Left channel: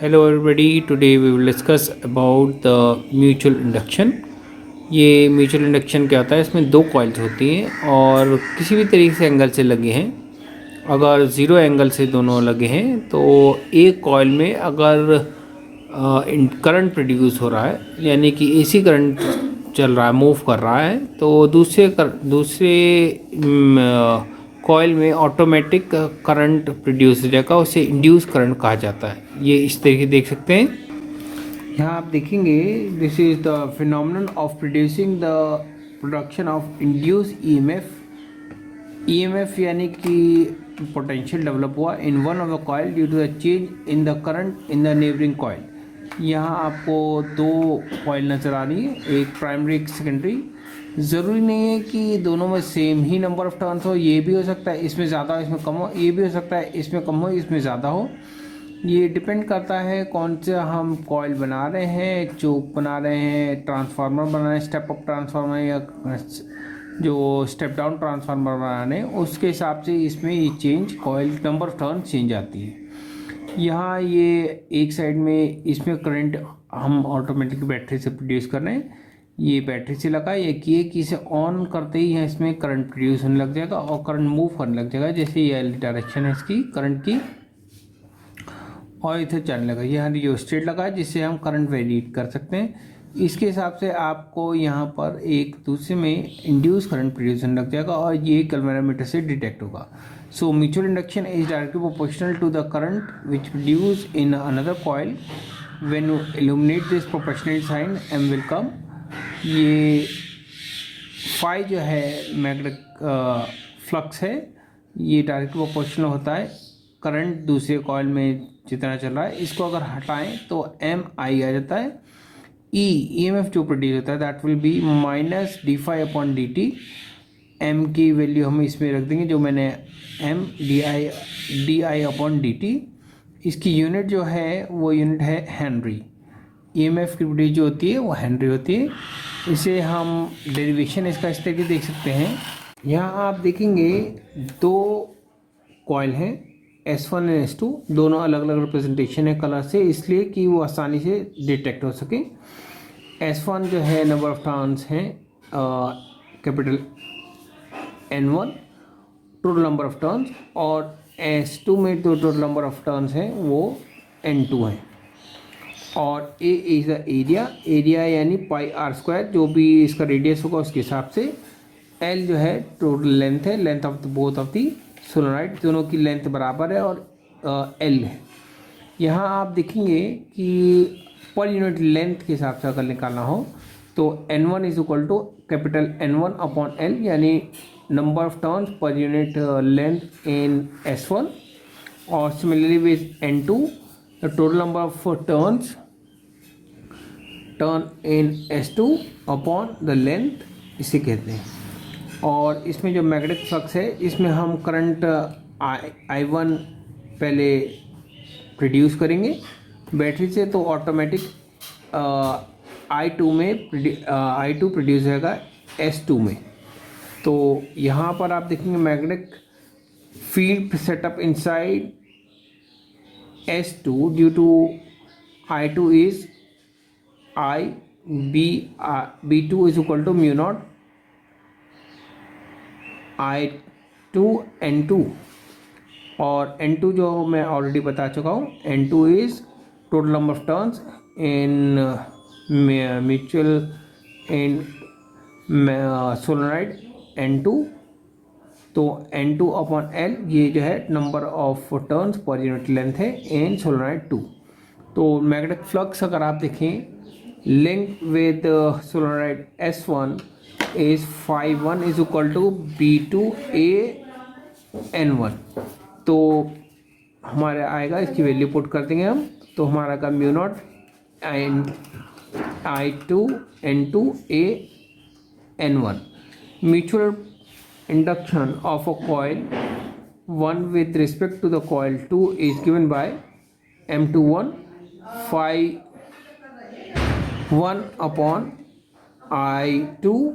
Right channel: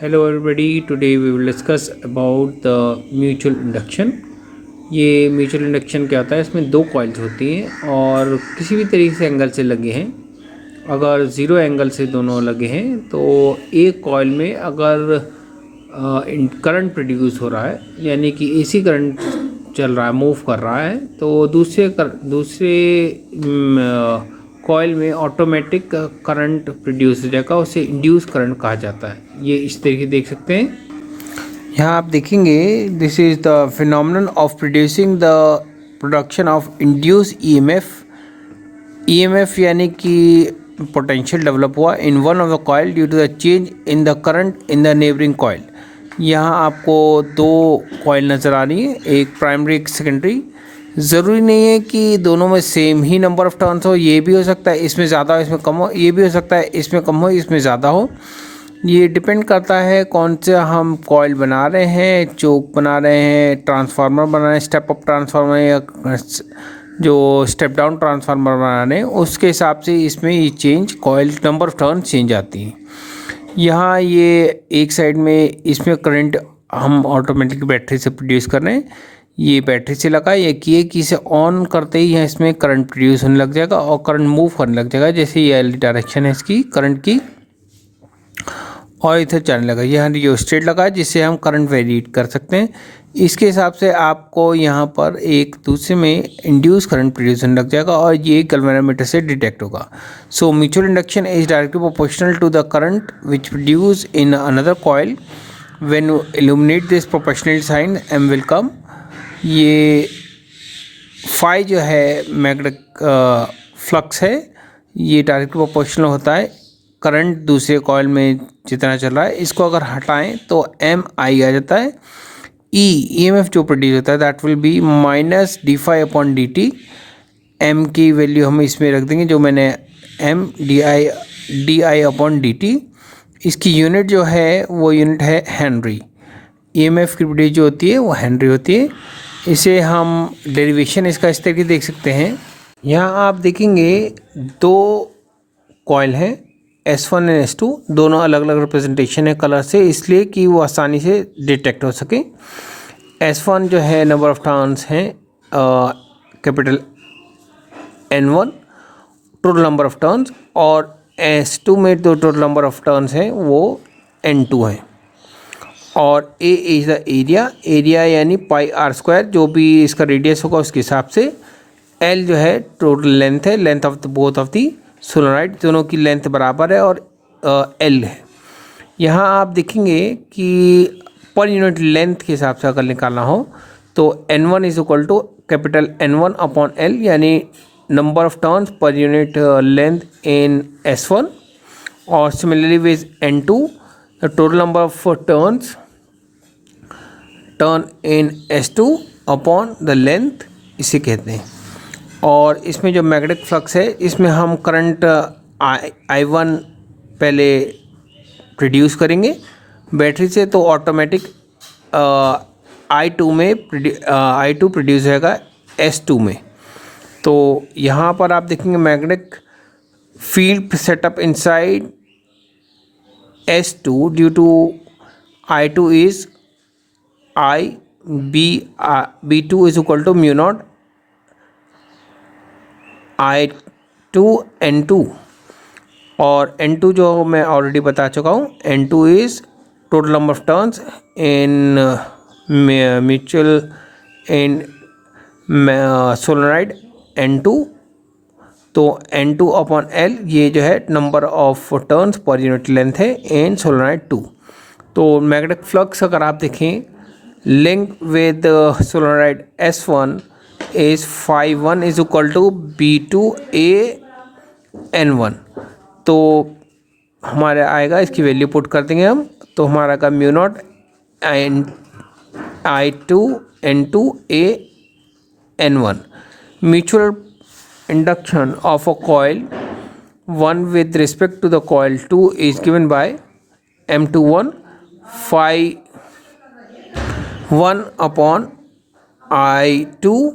Hello everybody, today we will discuss about the mutual induction। ये mutual induction क्या होता है, इसमें दो कॉइल्स होती हैं और किसी भी तरीके से एंगल से लगे हैं। अगर ज़ीरो एंगल से दोनों लगे हैं तो एक कॉइल में अगर करंट प्रोड्यूस हो रहा है, यानी कि एसी करंट चल रहा है, मूव कर रहा है, तो दूसरे कॉइल में ऑटोमेटिक करंट प्रोड्यूस हो जाएगा। उसे इंड्यूस करंट कहा जाता है। ये इस तरीके देख सकते हैं। यहाँ आप देखेंगे, this is the phenomenon of producing the production of induce EMF यानी कि पोटेंशियल डेवलप हुआ in one of the coil due to the change in the current in the neighbouring coil. यहाँ आपको दो कॉइल नज़र आ रही है, एक प्राइमरी एक सेकेंडरी। ज़रूरी नहीं है कि दोनों में same he number of turns हो, ये भी हो सकता है इसमें ज़्यादा हो इसमें कम हो, ये भी हो सकता है इसमें कम हो इसमें ज़्यादा हो। ये डिपेंड करता है कौन सा हम कॉइल बना रहे हैं, चोक बना रहे हैं, ट्रांसफार्मर बना रहे हैं, स्टेप अप ट्रांसफार्मर या जो स्टेप डाउन ट्रांसफार्मर बना रहे हैं, उसके हिसाब से इसमें ये change coil number of turn change आती है। यहाँ ये एक साइड में इसमें करंट हम ऑटोमेटिक बैटरी से प्रोड्यूस कर रहे हैं। ये बैटरी से लगा ये किए कि इसे ऑन करते ही यहाँ इसमें करंट प्रोड्यूस होने लग जाएगा और करंट मूव करने लग जाएगा। जैसे ये डायरेक्शन है इसकी करंट की, और इधर चलने लगा। यहाँ रियोस्टेट लगा है जिससे हम करंट वेरिएट कर सकते हैं। इसके हिसाब से आपको यहाँ पर एक दूसरे में इंड्यूस करंट प्रोड्यूस होने लग जाएगा और ये गैल्वेनोमीटर से डिटेक्ट होगा। So mutual induction is directly proportional to the current which produce in another coil. When you illuminate this proportional sine M will come. ये फाई जो है मैग्नेटिक फ्लक्स है, ये डायरेक्टली प्रोपोर्शनल होता है करंट दूसरे कॉइल में जितना चल रहा है। इसको अगर हटाएं तो एम आई आ जाता है। ई एम एफ जो प्रोड्यूस होता है that will be minus D phi upon D T. M की वैल्यू हम इसमें रख देंगे जो मैंने M D I upon D T. इसकी यूनिट जो है वो यूनिट है हेनरी। ई एम एफ की प्रोड्यूस जो होती है वो हेनरी होती है। इसे हम डेरिवेशन इसका इस तरीके देख सकते हैं। यहाँ आप देखेंगे दो कॉइल हैं S1 एंड S2, दोनों अलग अलग रिप्रेजेंटेशन है कलर से, इसलिए कि वो आसानी से डिटेक्ट हो सके। S1 जो है नंबर ऑफ टर्न्स हैं capital N1 total number of turns, और S2 में जो टोटल नंबर ऑफ टर्न्स हैं वो N2 है। और A इज़ द एरिया यानी पाई आर स्क्वायर, जो भी इसका रेडियस होगा उसके हिसाब से। L जो है टोटल लेंथ है, length of the both of the solenoid, दोनों की लेंथ बराबर है, और L है। यहाँ आप देखेंगे कि पर यूनिट लेंथ के हिसाब से अगर निकालना हो तो N1 is equal to capital N1 upon L, यानी नंबर ऑफ टर्न्स पर यूनिट लेंथ इन S1, और similarly with N2 the total number of turn in S2 upon the length, इसे कहते हैं। और इसमें जो मैग्नेटिक फ्लक्स है इसमें हम करंट I1 पहले प्रोड्यूस करेंगे बैटरी से, तो ऑटोमेटिक I2 प्रोड्यूस होगा S2 में। तो यहाँ पर आप देखेंगे magnetic field setup inside S2 due to I2 is B2 is equal to mu naught I2 N2, और N2 जो मैं ऑलरेडी बता चुका हूँ, N2 is total number of turns in mutual in solenoid N2। तो N2 अपॉन L ये जो है नंबर ऑफ टर्न्स पर यूनिट लेंथ है इन सोलेनॉइड 2। तो मैग्नेटिक फ्लक्स अगर आप देखें link with solenoid S1 is phi 1 is equal to B2 A N1। तो हमारे आएगा, इसकी वैल्यू पुट कर देंगे हम, तो हमारा का mu naught I2 N2 A N1। Mutual induction of a coil 1 with respect to the coil 2 is given by M21 phi 1 upon I2,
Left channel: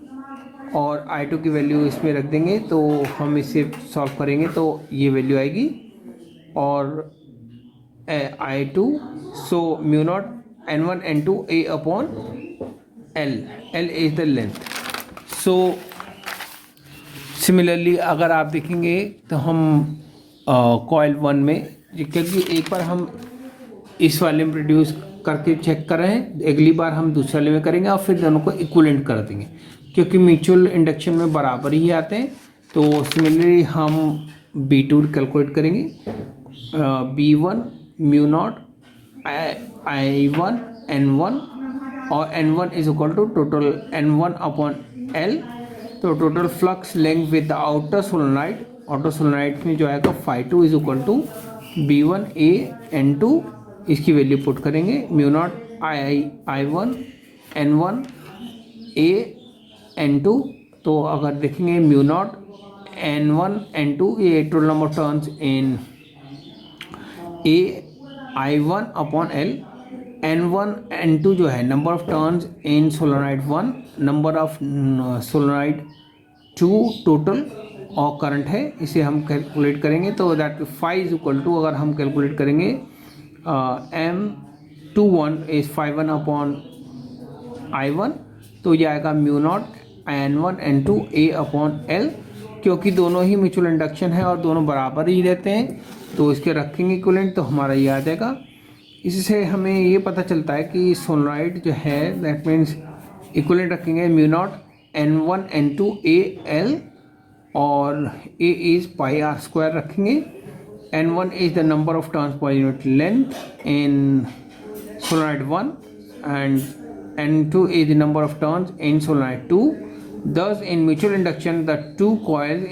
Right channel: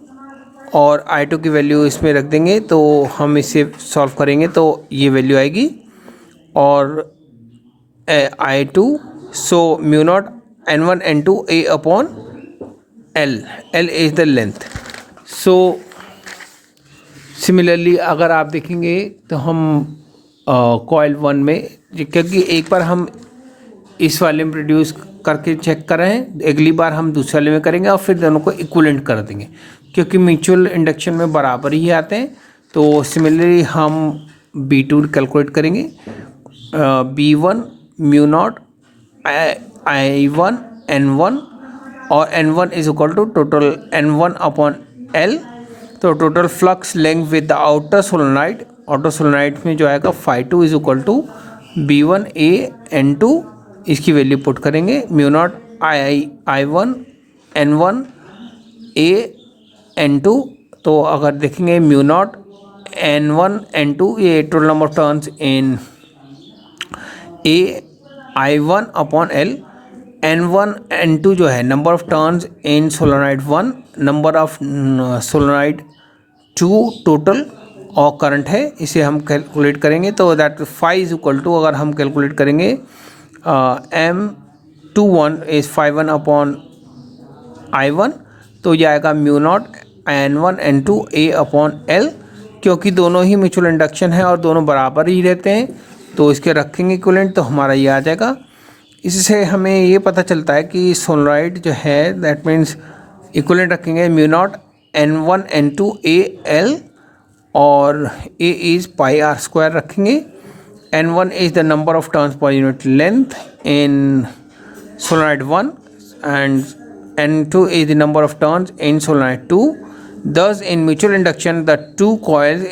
और I2 की वैल्यू इसमें रख देंगे। तो हम इसे सॉल्व करेंगे तो ये वैल्यू आएगी, और I2, so mu naught N1 N2 A upon L. L is the length. So similarly अगर आप देखेंगे तो हम कॉइल 1 में, क्योंकि एक बार हम इस वाले में प्रोड्यूस करके चेक कर रहे हैं, अगली बार हम दूसरे वाले में करेंगे और फिर दोनों को इक्विवेलेंट कर देंगे, क्योंकि म्यूचुअल इंडक्शन में बराबर ही आते हैं। तो सिमिलरली हम B2 कैलकुलेट करेंगे। B1 mu naught I1 N1 और N1 is equal to total N1 upon L। तो total flux length with the outer solenoid में जो आएगा φ2 is equal to B1 A N2, इसकी वैल्यू पुट करेंगे। Mu naught I1 N1 A N2, तो अगर देखेंगे म्यू नॉट N1 N2 ये total number of turns in A I1 upon L। N1 N2 जो है number of turns in solenoid 1, number of solenoid 2 total, और current है, इसे हम कैलकुलेट करेंगे। तो that phi is equal to, अगर हम कैलकुलेट करेंगे M21 इज φ1 अपॉन I1, तो ये आएगा mu naught N1 N2 A upon L। क्योंकि दोनों ही म्यूचुअल इंडक्शन है और दोनों बराबर ही रहते हैं, तो इसके रखेंगे इक्विवेलेंट, तो हमारा ये आ जाएगा। इससे हमें ये पता चलता है कि सोलेनोइड जो है दैट मीन्स इक्विवेलेंट रखेंगे mu naught N1 N2 A L और A इज़ πr² रखेंगे। N1 is the number of turns पर unit length in solenoid 1 and N2 is the number of turns in solenoid 2. Thus, in mutual induction, the two coils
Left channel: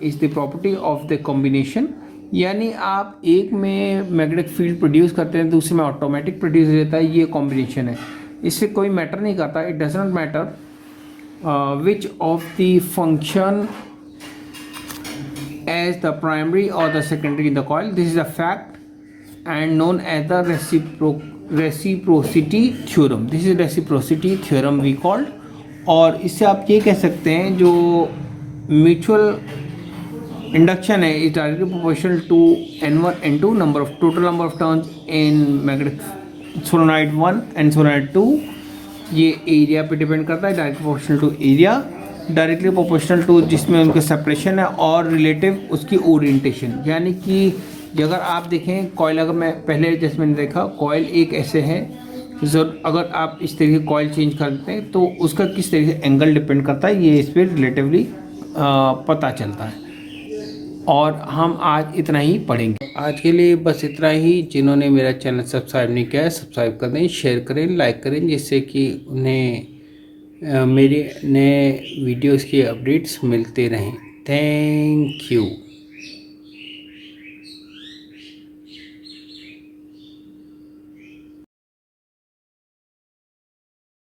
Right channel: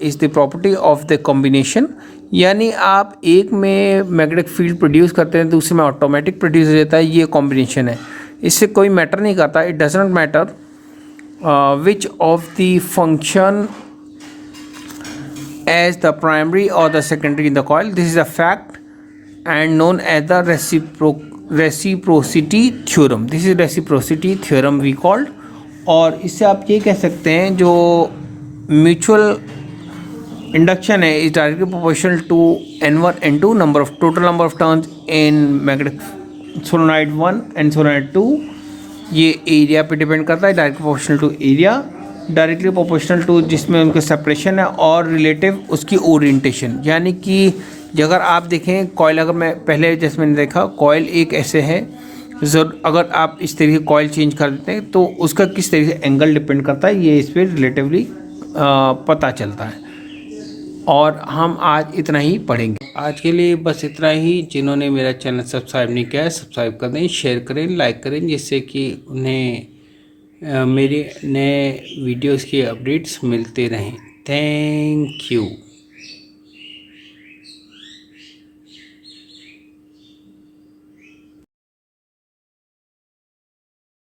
is the property of the combination. यानी आप एक में magnetic field produce करते हैं, दूसरे में automatic produce हो जाता है, ये कॉम्बिनेशन है। इससे कोई मैटर नहीं करता, it does not matter which of the function as the primary or the secondary in the coil. This is a fact and known as the reciprocity theorem. This is reciprocity theorem we called. और इससे आप ये कह सकते हैं जो mutual induction है is directly proportional to N1 N2 number of total number of turns in magnetic solenoid 1 and solenoid 2। ये एरिया पे डिपेंड करता है, directly proportional to area, directly proportional to जिसमें उनका सेपरेशन है, और रिलेटिव उसकी ओरिएंटेशन। यानी कि अगर आप देखें कॉइल, अगर मैं पहले जैसे मैंने देखा कॉइल एक ऐसे है, अगर आप इस तरीके कॉइल चेंज कर देते हैं तो उसका किस तरीके से एंगल डिपेंड करता है, ये इस पर रिलेटिवली पता चलता है। और हम आज इतना ही पढ़ेंगे। आज के लिए बस इतना ही। जिन्होंने मेरा चैनल सब्सक्राइब नहीं किया है सब्सक्राइब कर दें, शेयर करें, लाइक करें, जिससे कि उन्हें मेरे नए वीडियोस की अपडेट्स मिलते रहें। Thank you.